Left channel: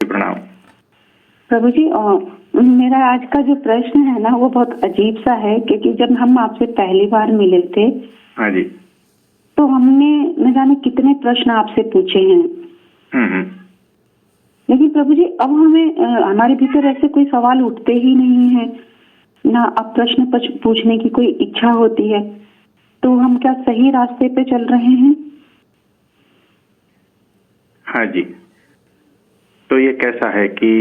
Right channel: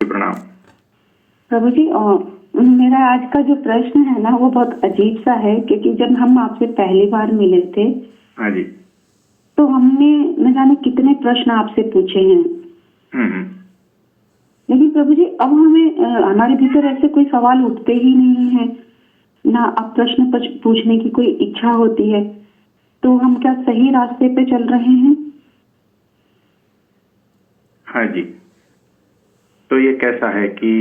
प्रणाम। प्रभु जी, मेरा आज का जो प्रश्न है ना वो बहुत अजीब सा है, क्योंकि जब हम आपसे पहली बार मिले थे हाँ जी। तो हमने न जाने कितने प्रश्न आपसे पूछे हैं। लेकिन प्रभु जी अब हमें हमारे भीतर ऐसे कोई सवाल उठते ही नहीं है, ना अब प्रश्न पूछने की कोई इच्छा होती है। तो हम क्या सही रास्ते पे चल रहे हैं? हाँ जी। तो ये कैसा है कि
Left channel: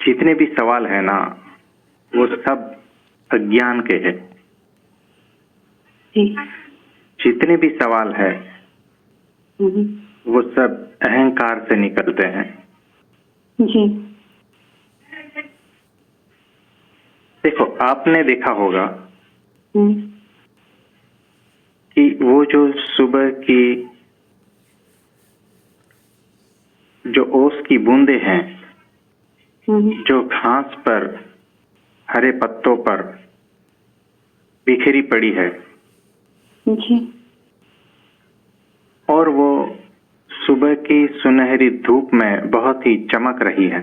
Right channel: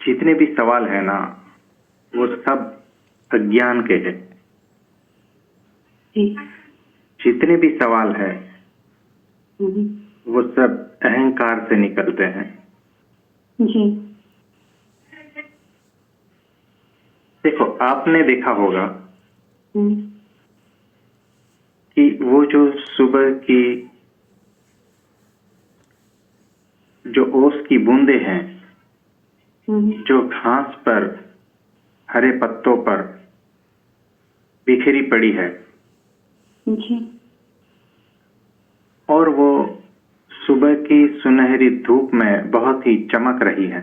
जितने भी सवाल है ना वो सब अज्ञान के हैं। जितने भी सवाल है वो सब अहंकार से निकलते हैं। जी। देखो, आपने देखा होगा कि वो जो सुबह की जो ओस की बूंदे हैं जो घास पर हरे पत्तों पर बिखरी पड़ी है जी। और वो सुबह की सुनहरी धूप में बहुत ही चमक रही है,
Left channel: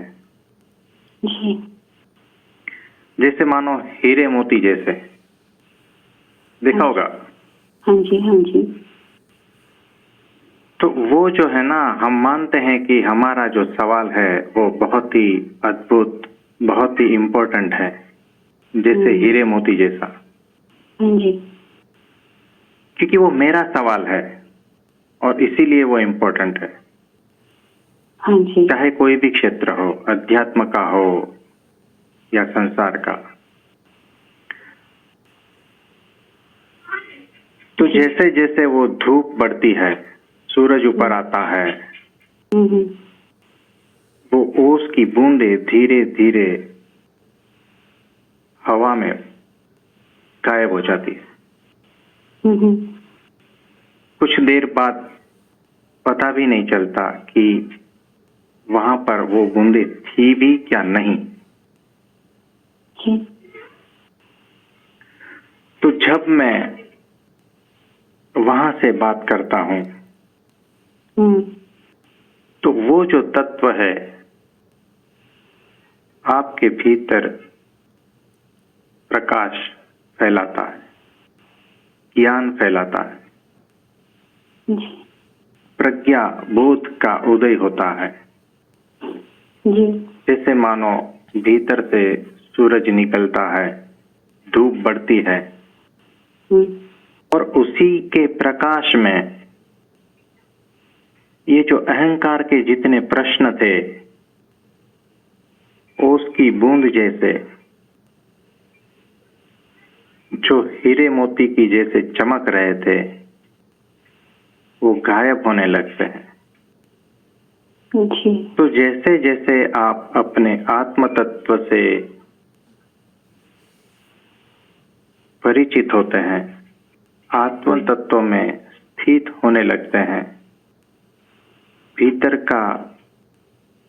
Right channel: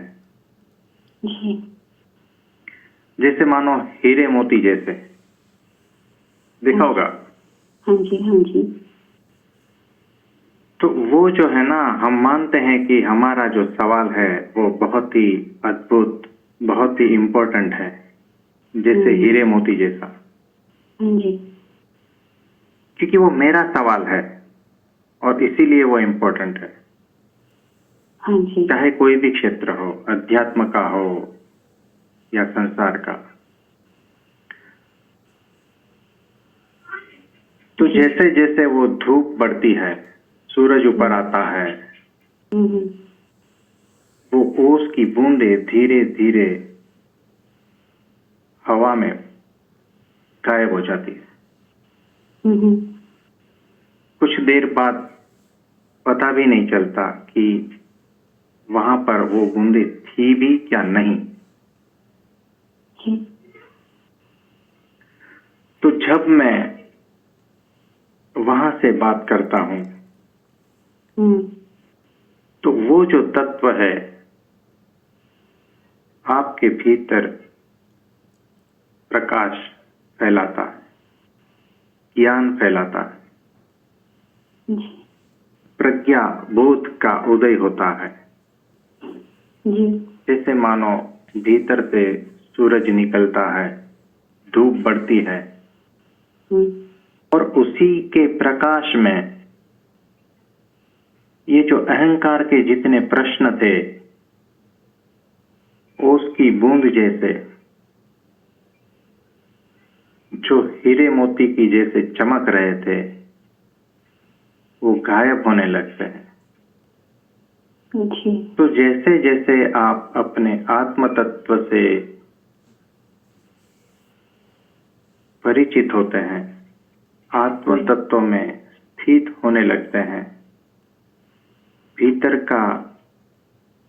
जी। जैसे मानो हीरे मोती जैसे। देखा होगा। हाँ जी, हाँ जी। तो वो जो है ना, हम मानते हैं कि हमारा जो सवाल है वो बहुत ही अद्भुत, बहुत ही इम्पोर्टेंट है, जैसे हीरे मोती जैसा। हाँ जी। क्योंकि वो मेरा सवाल है और इसीलिए वो इम्पोर्टेंट है। हाँ जी। चाहे कोई भी क्षेत्र हो, अध्यात्म का हो या संसार का। तो जैसे जैसे वो धूप बढ़ती है, सूरज ऊपर आता है, वो ओस की बूंदे धीरे धीरे हवा में गायब हो जाती है। कुछ देर बाद पता भी नहीं चलता कि वहां पर वो बूंदे थी भी क्या नहीं। तो जब मैं वहां से बात करता हूं तो वो जो तत्व है आपके भीतर प्रकाश फैलाता है, ज्ञान फैलाता है, प्रज्ञा बोध का उदय होता है। जैसे मानो भीतर से सूरज निकलता है, धूप बढ़ती है और उसी के प्रकाश में ये जो अहंकार के जितने प्रश्न थे उसकी बूंद जैसे, जो हीरे मोती की जैसे चमक रहे थे, वो गायब होने लगते हैं। तो जैसे जैसे आप अपने आत्म तत्व से परिचित होते हैं, आत्म तत्व में स्थित होने लगते हैं, भीतर का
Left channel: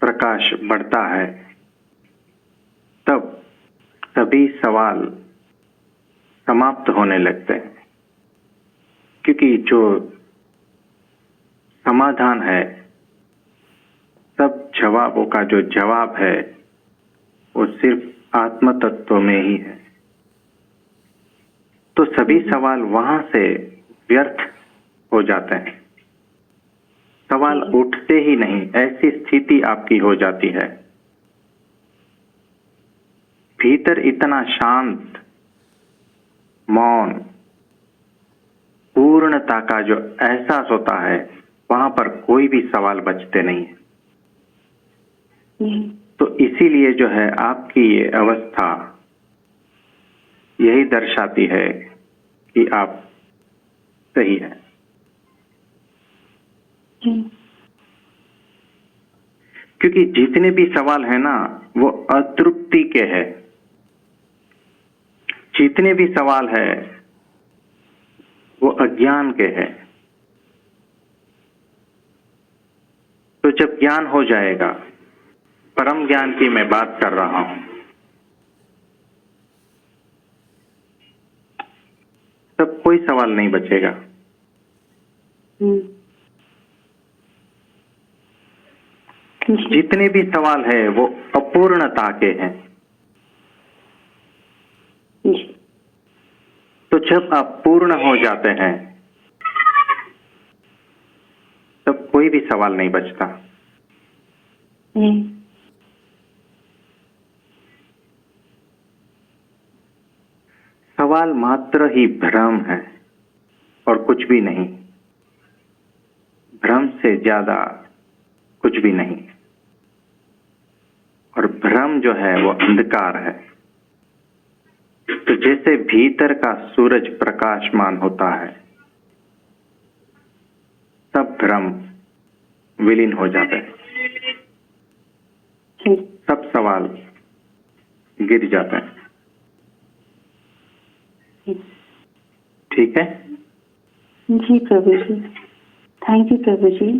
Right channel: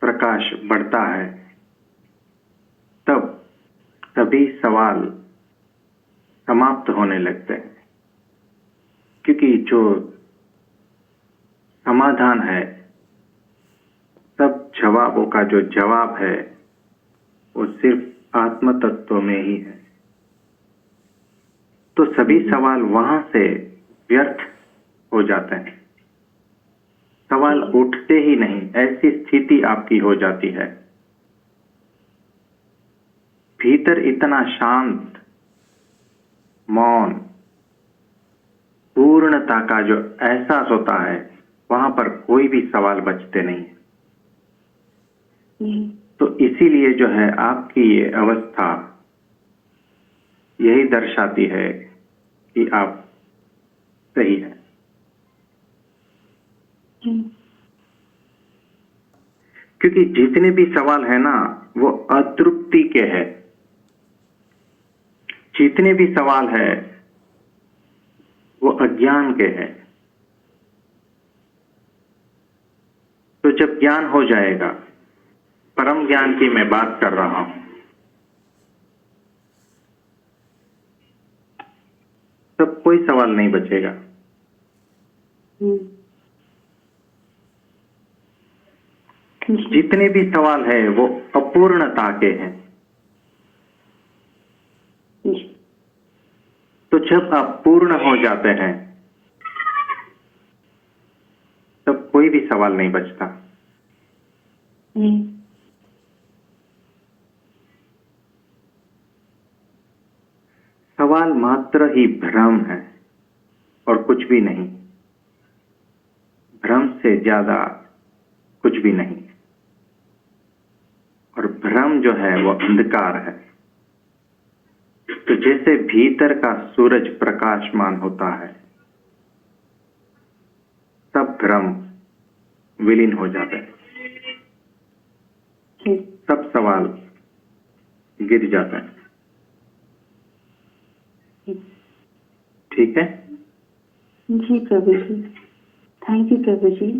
प्रकाश बढ़ता है, तब सभी सवाल समाप्त होने लगते हैं। क्योंकि जो समाधान है, सब जवाबों का जो जवाब है वो सिर्फ आत्म तत्व में ही है। तो सभी सवाल वहां से व्यर्थ हो जाते हैं, सवाल उठते ही नहीं, ऐसी स्थिति आपकी हो जाती है। भीतर इतना शांत, मौन, पूर्णता का जो एहसास होता है, वहां पर कोई भी सवाल बचते नहीं है। तो इसीलिए जो है आपकी ये अवस्था यही दर्शाती है कि आप सही है। क्योंकि जितने भी सवाल है ना वो अतृप्ति के हैं। जितने भी सवाल है वो अज्ञान के हैं। तो जब ज्ञान हो जाएगा, परम ज्ञान की मैं बात कर रहा हूं, तब कोई सवाल नहीं बचेगा। जी जितने भी सवाल है वो अपूर्णता के हैं। जी तो जब आप पूर्ण हो जाते हैं तब कोई भी सवाल नहीं बचता। जी सवाल मात्र ही भ्रम है और कुछ भी नहीं। भ्रम से ज्यादा कुछ भी नहीं। और भ्रम जो है वो अंधकार है। तो जैसे भीतर का सूरज प्रकाशमान होता है सब भ्रम विलीन हो जाता है, जी सब सवाल गिर जाता है। ठीक है? जी प्रभु जी, थैंक यू प्रभु जी।